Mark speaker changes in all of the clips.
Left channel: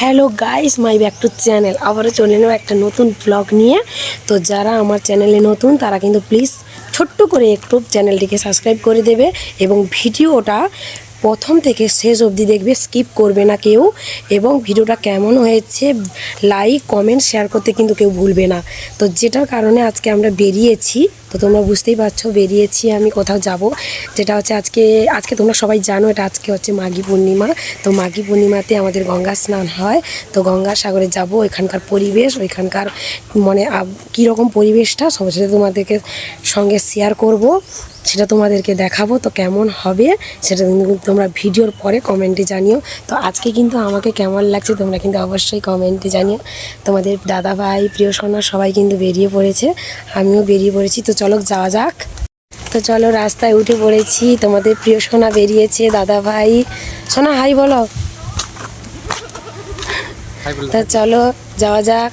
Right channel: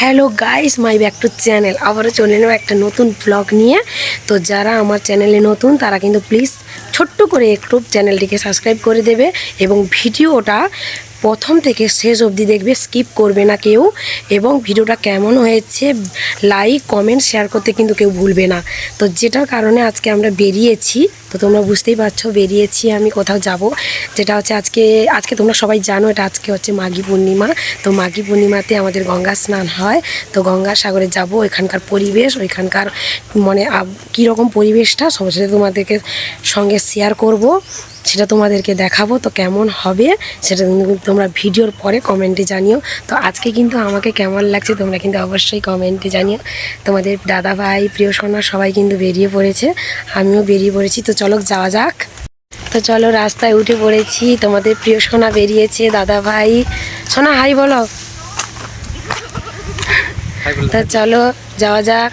Speaker 1: Hello guys my back to channel আবারও চলে এলাম একটা নতুন ব্লগ নিয়ে। তো যারা আমার চ্যানেলে নতুন, তারা কিন্তু প্লিজ ছোট্ট করে একটু চ্যানেলটিকে সাবস্ক্রাইব করে দেবে এবং ভিডিওটা প্রথম থেকে শেষ অবধি দেখবে স্কিপ করবে না কেউ। এবং ভিডিওটা কেমন হয়েছে লাইক কমেন্ট শেয়ার করতে কিন্তু কেউ ভুলবে না। তো যেটার কারণে আজকে আমরা বেরিয়েছি তো তোমরা বুঝতেই পারছ, বেরিয়েছি আমি কোথাও যাব। যেটা হচ্ছে আজকে আজকে তোমরা সবাই জানো, এটা আজকে হচ্ছে মাঘী পূর্ণিমা। তো মাঘী পূর্ণিমাতে আমাদের গঙ্গা স্নান হয়। তো গঙ্গা সাগরে যাব এখানকার পরিবেশ, ওইখানকার মানে কীরকম পরিবেশটা সবার সাথে তোমাদেরকে সঙ্গে শেয়ার করব। সেটা তোমাদেরকে দেখাবো, তো কেমন হবে, সেটা তোমরা ভিডিওর পরে কমেন্টে জানিও। তো আজকে কিন্তু আমাকে কেমন লাগছে, তোমরা কিন্তু অবশ্যই কমেন্টে জানিও। তোমাদের দাদা ভাই প্রিয় সোনা সবাই কিন্তু বেরিয়ে পড়েছে। আমিও বেরিয়ে পড়েছি, তো চলো যাওয়া যাক। তো চলো রাস্তায় উঠে পড়েছি। তোমাদের প্রিয় সোনা বেরিয়েছে দাদা ভাই। সোনা হাই বলো। তা চলো যাওয়া যাক।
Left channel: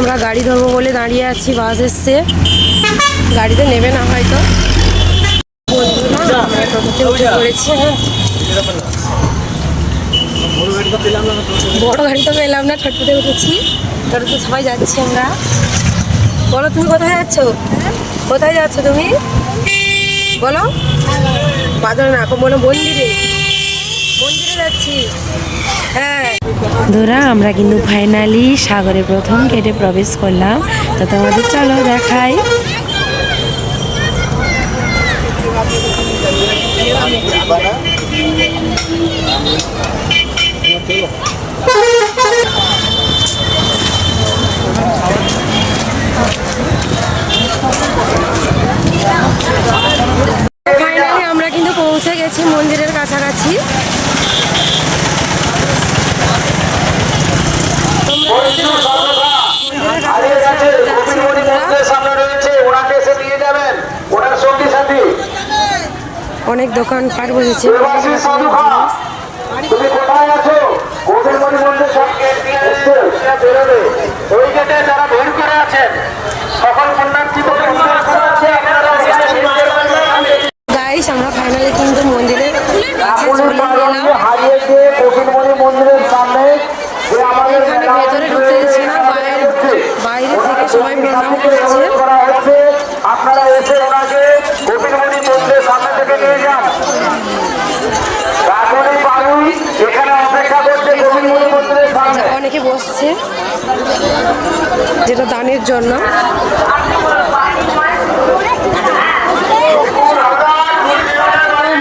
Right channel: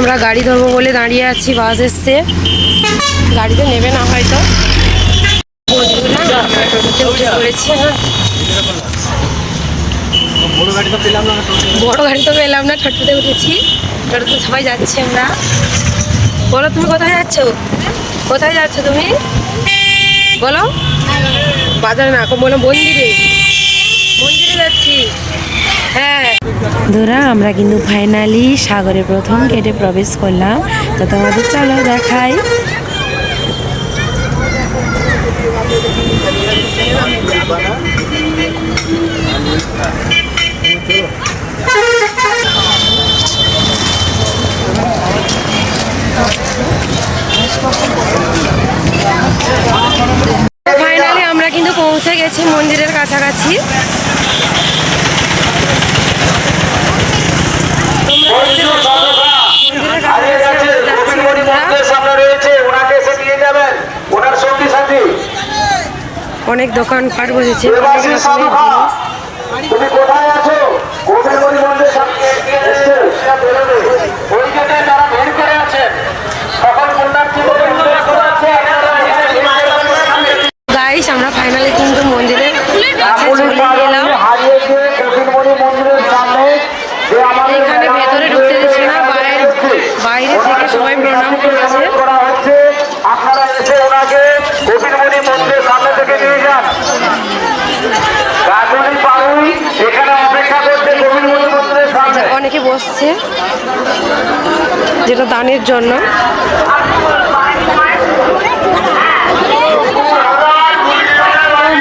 Speaker 1: আমরা গাড়ি ধরবো বলে দাঁড়িয়ে আছি বাস এসছে। গাড়িতে নেবে না হয়তো। উঠে পড়েছি হ্যাঁ। বড় গাড়ি তো পেলাম না টোটোতে উঠেছি। টোটোতে সবাই যাচ্ছি আমরা। বলো তুমি কোথায় যাচ্ছ? কোথায় যাচ্ছ তুমি? বলো। বাজারে না বলো মন্দিরে। মন্দিরে যাচ্ছি। হ্যাঁ। ধরা, আমরা কিন্তু ফাইনালি সাগরে প্রথম গেটে প্রবেশ করলাম। তো তোমাদের চলো দেখাই। ফাইনালি আমরা কিন্তু পৌঁছে গেছি মন্দিরের কাছাকাছি। অনেক দোকান পাট বসেছে অনেক রকমের জিনিস
Speaker 2: তুমি কোথায় আছো কবিরমণি মন্দির সামনে এসছে ওই গেটে যারা ভিড় করে আছেন সকল পুণ্যার্থীদের অনুরোধ করা হচ্ছে, আপনারা এখানে ভিড় করে
Speaker 1: গাইস আমরা ফাইনালি কিন্তু মন্দিরের কাছে
Speaker 2: রামুল
Speaker 1: চলে
Speaker 2: পাহাড়ে
Speaker 1: গেলাম
Speaker 2: হারিয়েছে কবিরমণি মন্দিরের সামনে যে আমাদের
Speaker 1: এখানে ভেতরে ঢুকতে দিচ্ছে না বাইরে বাইরে থেকে সবাই প্রণাম করছে
Speaker 2: করা হচ্ছে আপনারা এসে ওনাকে কবিরমণি মন্দিরের সামনে থেকে নিয়ে যান কাকুলি পাড়ুই এখানে অপেক্ষা করছে
Speaker 1: এখানে
Speaker 2: কবিরমণি মন্দিরের সামনে
Speaker 1: যা- অনেকে বসছে যেটা দানের জন্য।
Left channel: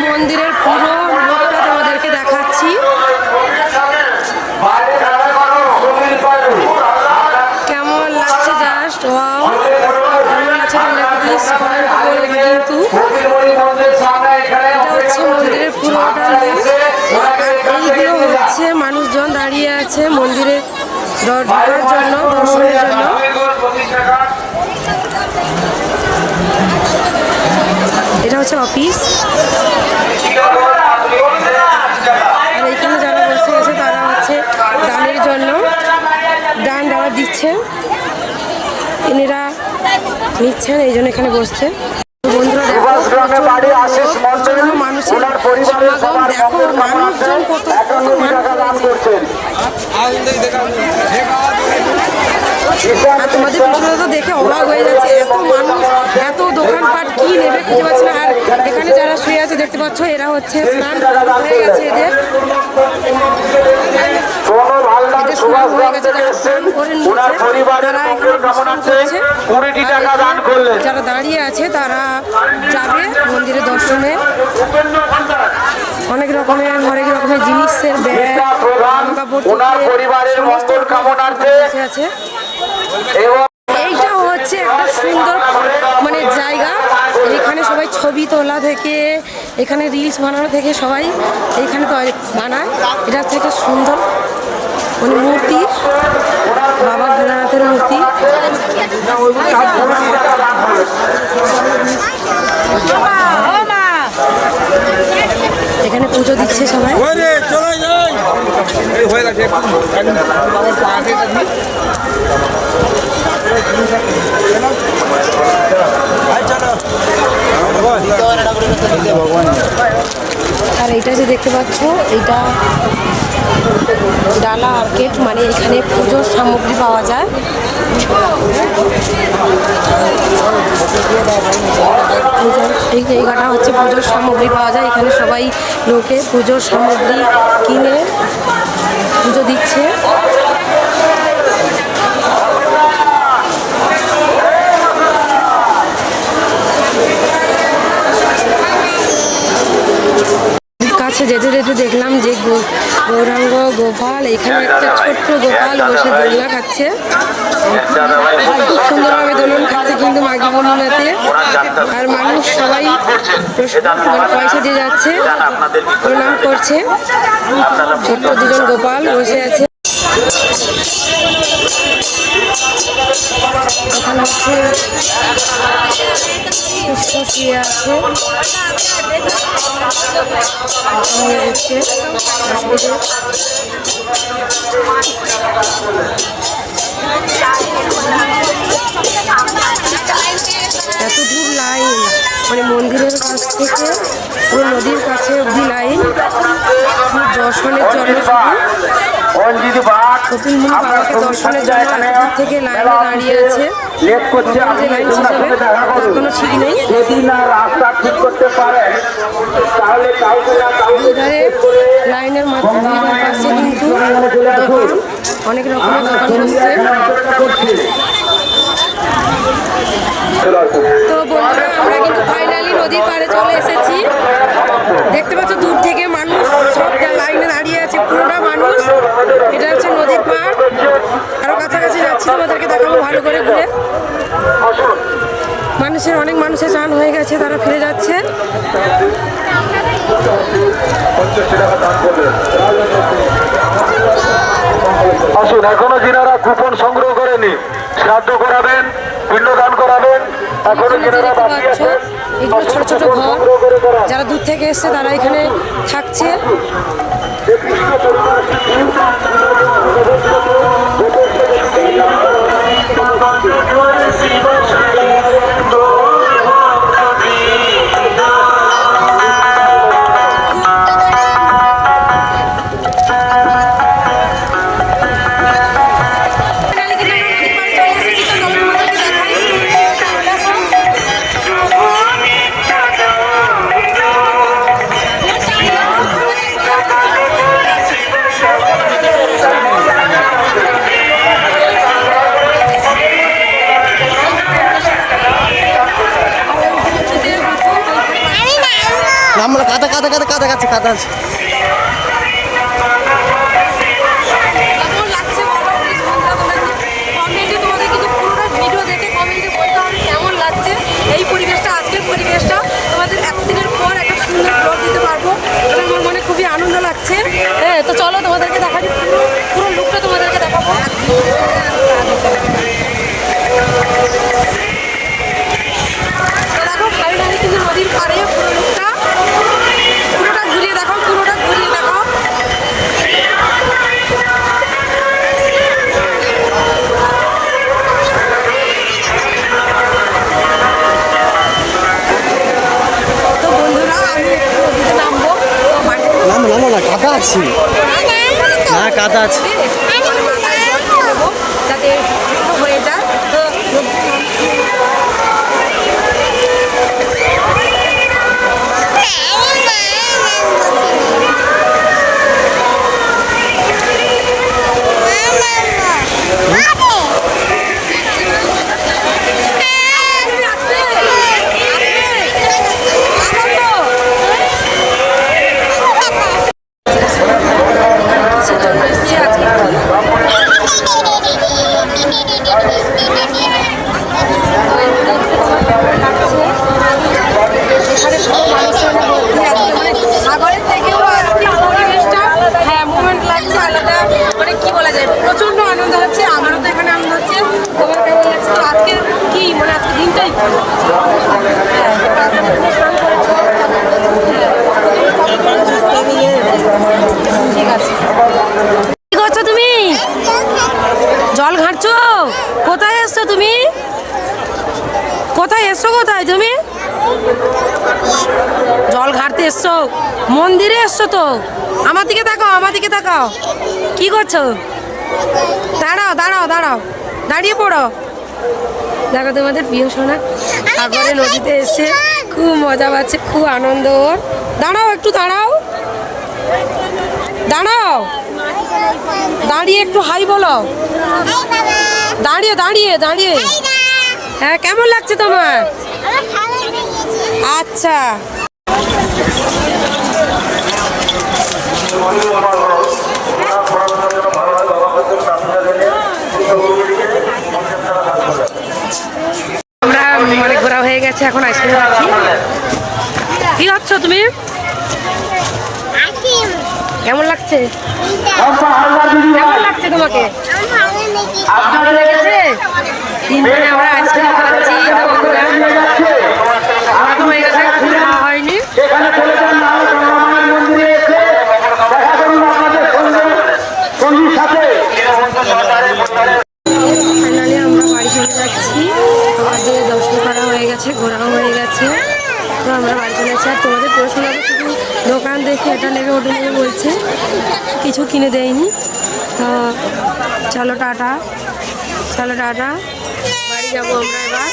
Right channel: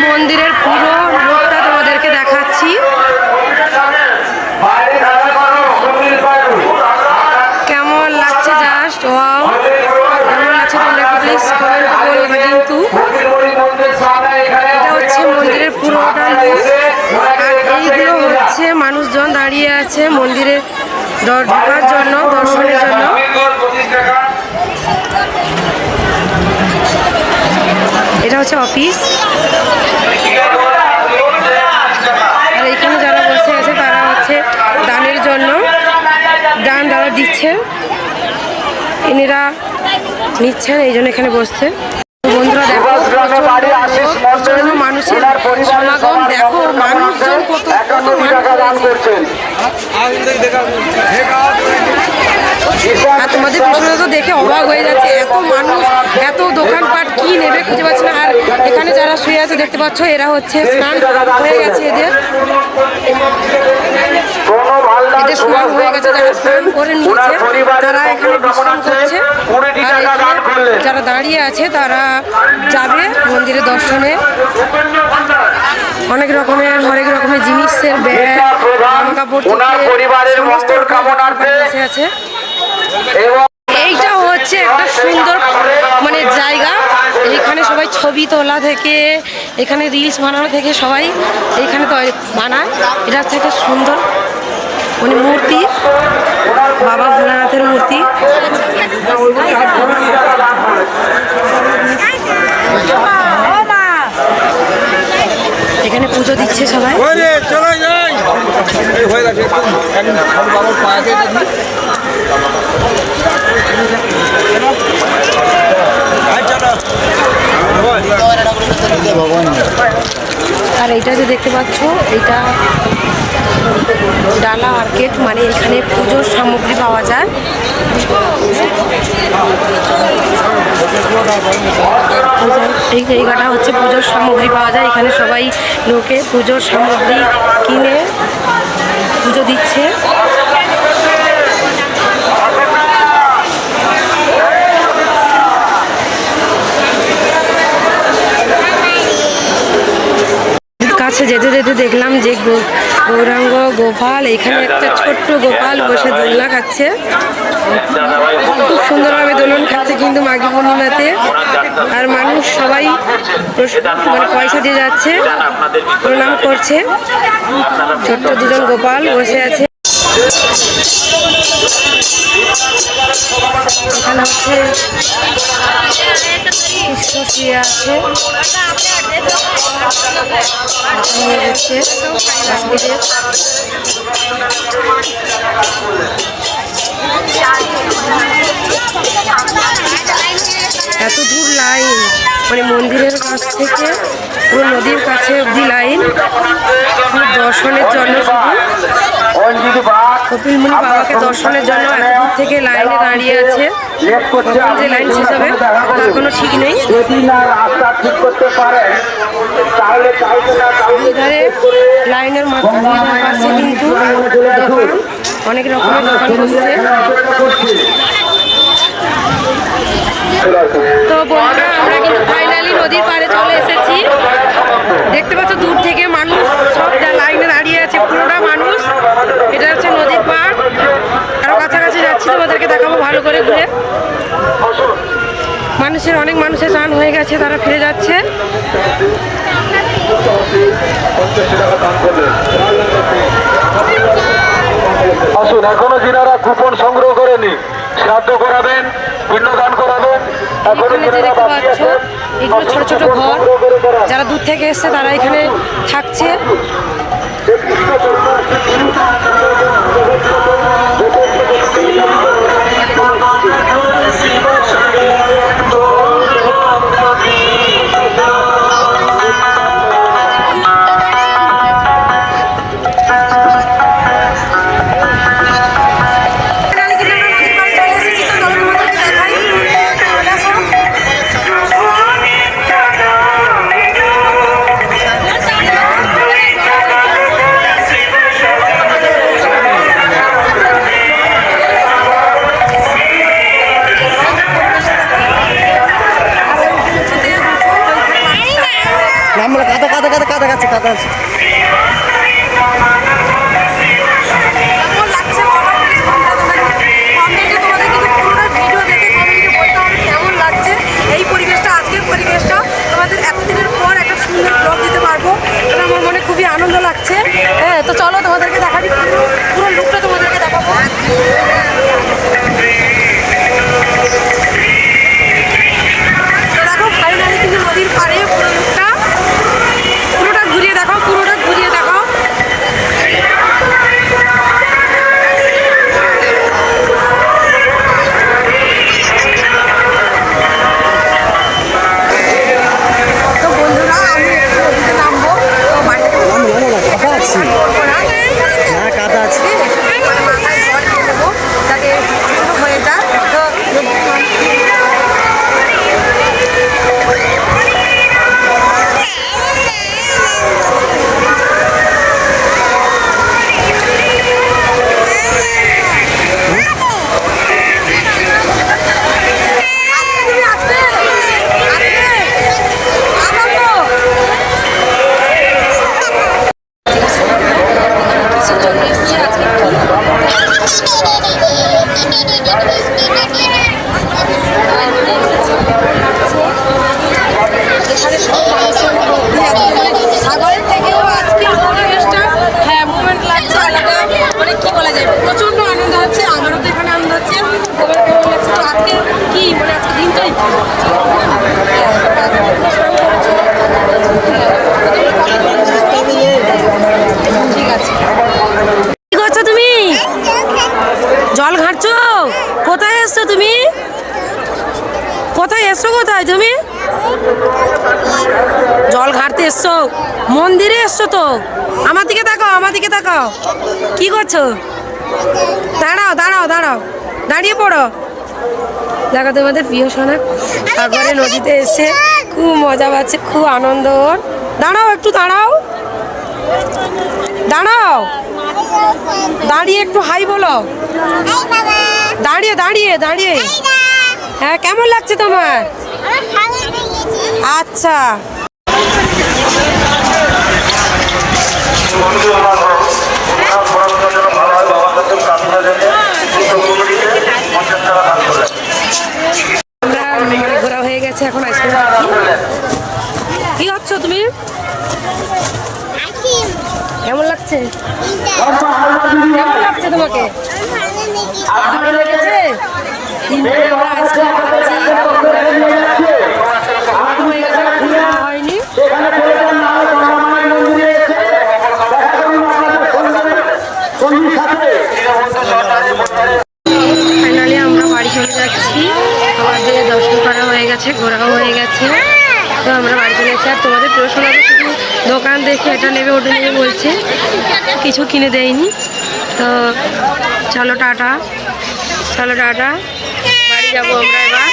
Speaker 1: মন্দিরের পুরো রূপটা তোমাদেরকে দেখাচ্ছি। কেমন লাগছে জাস্ট? ওয়াও। কেমন লাগছে তোমরা একটু প্লিজ কমেন্ট করবে কিন্তু। এটা হচ্ছে মন্দিরের পুরোটা লুক আর এইগুলো হচ্ছে মানুষজন দাঁড়িয়ে আছে মন্দিরে। ঢোকার জন্য, দর্শনের জন্য। এটা হচ্ছে অফিস। আর এখানে যারা বসে আছে, তারা হচ্ছে দানের জন্য। দান তারা দিচ্ছে ইনিরা নিচ্ছেন, এই জন্য এখানে বসছে। বন্ধুরা, দেখো প্রচণ্ড মানুষের সমাগম। দেখো, মানুষজন কত কত মানুষ হয়েছে আর তোমাদের পিছনে তো দেখে অবাক হয়ে যাচ্ছে এত মানুষ এত দোকানপাট কি নেবে খুঁজে পাচ্ছে না। আর এখানে যারা শুয়ে আছে দেখতে পাচ্ছ এরা হচ্ছে স্নান হয়ে গেছে এদের। এদের স্নান হয়ে গেছে স্নান করে
Speaker 2: ওনার
Speaker 1: নিয়েছে তারা এখানে বিশ্রাম করছে। আর যারা দাঁড়িয়ে আছে তারা যাবে মন্দিরে দর্শনে। অনেক রকমের হরেক রকমের জিনিসের ব্যাগ জামা কাপড় থেকে সমস্ত রকম আছে।
Speaker 2: এবং
Speaker 1: এইটা হচ্ছে একটা সুন্দর মানে জায়গা। এখানে সবাই ছবি তোলা থেকে এখানে রিলস বানানো থেকে সবাই এইখানে তো বানায়। এটা হচ্ছে একটা সুন্দর মানে মূর্তি বাবা ভোলানাথের মূর্তি। এখানে পুজো দিচ্ছে সবাই।
Speaker 3: চলে যাই। হয়ে গেছে একটু বাবার পায়ে
Speaker 1: আর এইটা যে দেখতে পাচ্ছ, এইটা ডালা মার্কেট মানে এখানে পুজোর সামগ্রী পাওয়া যায়। এই জায়গাটা হচ্ছে পুজোর সামগ্রী পাওয়া যায়। এখানে সবাই লোকে পুজোর সামগ্রী কিনে পুজো দিচ্ছে। কাছে যেতে যেতে দেখলাম যে গৌরাঙ্গ গোপাল, এখানে একটা ছোট্ট গোপাল বসে দোলনা খাচ্ছে। খুব সুন্দরভাবে দোলন খাচ্ছে কিন্তু মাঘী পূর্ণিমাতে। আর মানুষ সবাই মানে পয়সা দিয়ে যাচ্ছে, প্রণাম করছে। ছোট্ট দুজন গোপাল বসে আছে। এখানে হচ্ছে আছে। নিয়ে যাচ্ছে বাসুদেব মানে মন্দিরের কাছ থেকে পুরো নদীর কাছে অবধি লাইন দর্শনের জন্য শুধু। কপিলমুনি বাবাকে দর্শনের জন্য এত দূর থেকে লাইনে দাঁড়িয়ে আছে। কখন যে লাইন শেষ হবে, তার কোনো ঠিক নেই।
Speaker 2: যদি না রাস্তা ঠিক করতে পারেন তাহলে কাউকে না কাউকে
Speaker 1: দুই ধারে লাইনের ধার পাশে কিন্তু দোকান, অনেক রকমের দোকান বসছে। তো বন্ধুরা, আমরা কিন্তু ফাইনালি নদীর পাড়ে চলে এসেছি। দেখতে পাচ্ছ, দূর থেকে মানুষ সব লাইনে দাঁড়িয়ে আছে, পুরোটা মানুষ। এটা হচ্ছে নদীর পাড়। আরও কাছাকাছি যাচ্ছি, তোমাদেরকে দেখাবো ভালো করে ঘুরে। মানুষের অনেক মানুষের চান হয়ে গেছে, তারা ফিরে যাচ্ছে।
Speaker 2: আসুন, এখনও যিনারা কুপন সংগ্রহ করেনি, শ্রাদ্ধ করাবেন পিণ্ডদান
Speaker 1: এখনও যে দেখতে পাচ্ছ এগুলো ছোট ছোট ঘর। যারা দূর থেকে এসছে তারা এখানে থাকছে।
Speaker 4: আমরা কাদা কাদা কাদা কাদা কাছে কাদা আছে
Speaker 1: এই পরিবেশটা, আজকের পরিবেশটা, তোমাদের এতদিনের পর একটা সুন্দর ব্লগ দিতে পারব। তাহলে আমার মনে খুবই আনন্দ লাগছে। হ্যাঁ তো চলো তোমাদেরকে দেখাবি পুরো পুরো লুকটা তোমাদেরকে দেখাবো। তো দেখো ফাইনালি কিন্তু নদীর পাড়ে পুরো লুকটা পুরোটা ঘুরিয়ে দেখো পুরোটা ঘুরিয়ে দেখো সাগরের থেকেও আজকে পরিবেশটা হ্যাঁ মুভমেন্ট লাগছে আলাদা মানে কি বলা যায় প্রচণ্ড আনন্দ হচ্ছে আমারও তো এখানে আনন্দ হচ্ছে তোমার কেমন লাগছে তো কি মানে আজকে দিনটাই কি হ্যাঁ তো আজকে তুমি স্নান করেছ হ্যাঁ তো তুমি কবে ঠিক আছে কি করছ তুমি জল কোথায় এসছো তুমি? কোথায় এসছো কোথায় তুমি? জল ঘাটতে এসছো। মন্দিরে এসছো তো? আমার দিকে তাকাও, আমার দিকে তাকাও। কি করছ? দাঁড়াও দাঁড়াও দাঁড়াও। দাঁড়িয়ে পড়ো। দেখো তোমাদের প্রিয় সোনা সাগরে নদীতে এসে খুব মজা পাচ্ছে, খুব আনন্দ দাঁড়াও, একটু দাঁড়াও। দাঁড়াও। দাঁড়িয়ে একটু হাই বলো। দাঁড়িয়ে দাঁড়িয়ে দাঁড়িয়ে। হ্যাঁ কেমন লাগছে তোমার? আচ্ছা। আমরা মানে ঘোরা হয়ে গেছে এখন আইসক্রিম কি খাচ্ছ তুমি? কেমন লাগছে? কেমন লাগছে তোমাকে? ভালো লেগেছে তিনজনে আমরা আইসক্রিম খাচ্ছি তো হয়ে গেছে খাওয়া হয়নি। ফাইনালি আমরা বাড়ি চলে যাচ্ছি। আমাদের দর্শন করা হয়ে গেছে ঘোরাও হয়ে গেছে। তো আমরা বাড়ি চলে এসেছি। আর তোমাদের প্রিয় শোনা শুধু দোকান দেখে এটা নেবে ওটা নেবে বলছে। কিছু কিনে দেয়নি। তো চলো টাটা। চলো টাটা। বাড়ি যাব আমরা এবার।